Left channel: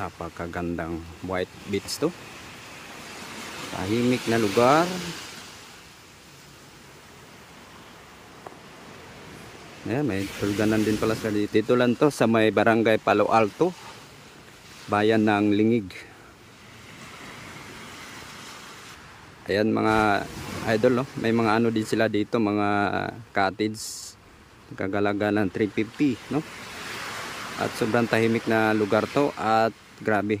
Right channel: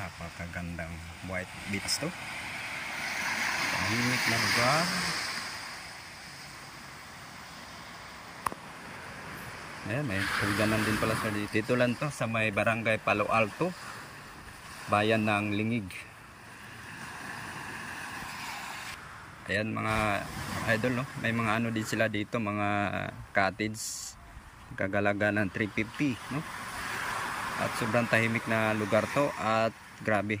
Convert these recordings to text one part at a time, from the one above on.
Napakagandang white beach to. Tahimik na lugar. Ayan, may tulganan din pala sa dito. Dito lang to sa may barangay Palo Alto, bayan ng Lingig. Ayan mga idol, no? May mga ano din sila dito, mga cottage. Kagalaga ng 350, no? At sobrang tahimik na lugar to at grabe.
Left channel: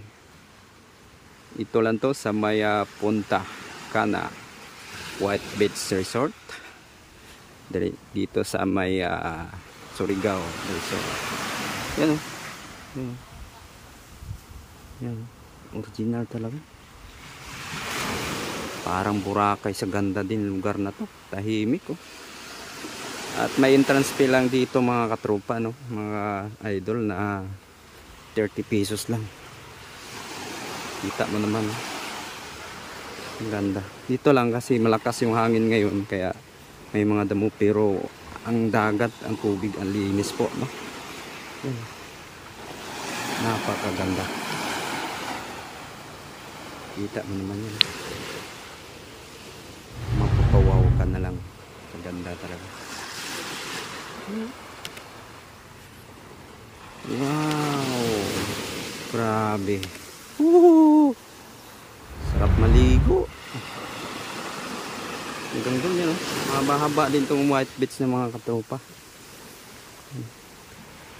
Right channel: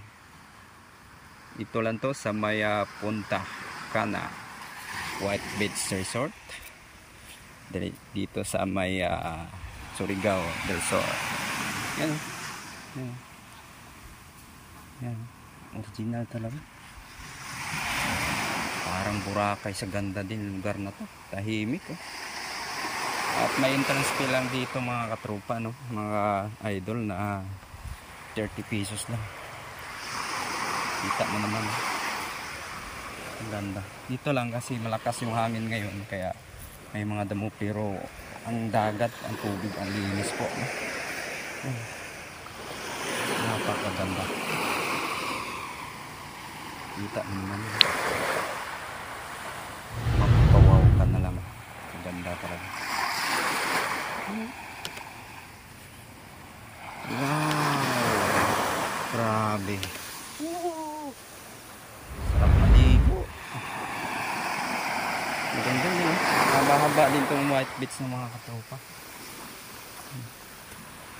Ito lang to sa may Punta Cana White Beach Resort. Dito sa may Surigao del Sur. Yan o. Yan. Yan. Original talaga. Parang Boracay sa ganda din lugar na to. Tahimik oh. At may entrance fee lang dito mga katropa, no? Mga idol na 30 pesos lang. Kita mo naman. Ang ganda. Dito lang kasi malakas yung hangin ngayon kaya may mga damo, pero ang dagat, ang tubig, ang linis po, no? Napakaganda. Kita mo naman yun. Mapapawaw ka na lang. Maganda talaga. Wow, grabe. Sarap maligo. Maganda din, haba-haba din itong white beach ng mga katropa.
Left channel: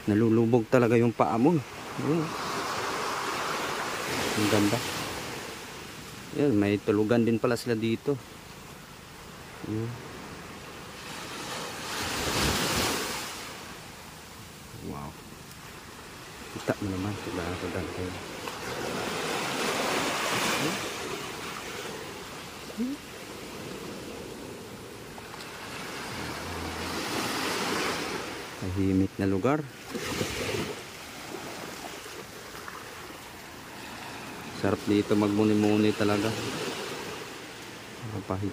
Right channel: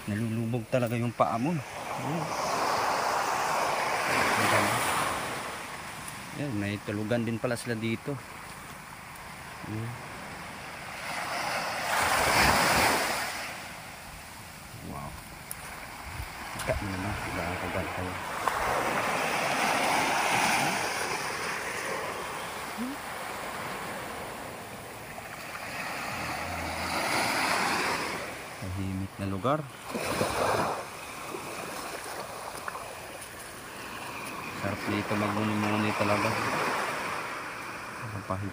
Nalulubog talaga yung paa mo. Ang ganda. Yan, may tulugan din pala sila dito. Wow. Kita mo naman, kaganda yun. Tahimik na lugar. Sarap dito magmuni-muni talaga. Mapahit.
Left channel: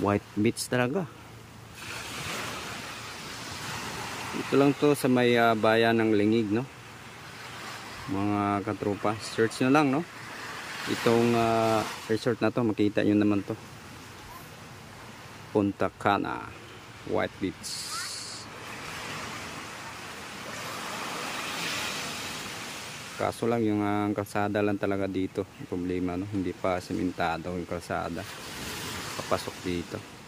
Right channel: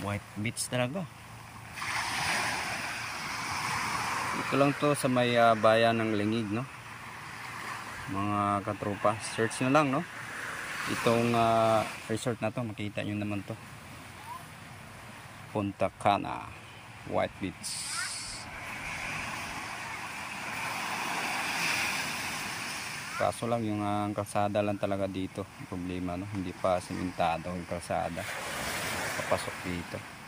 White beach talaga. Ito lang to sa may bayan ng Lingig, no? Mga katropa, search nyo lang, no? Itong resort na to, makita nyo naman to. Punta Cana White Beach. Kaso lang yung kalsada lang talaga dito problema, no? Hindi pa simentado yung kalsada papasok dito.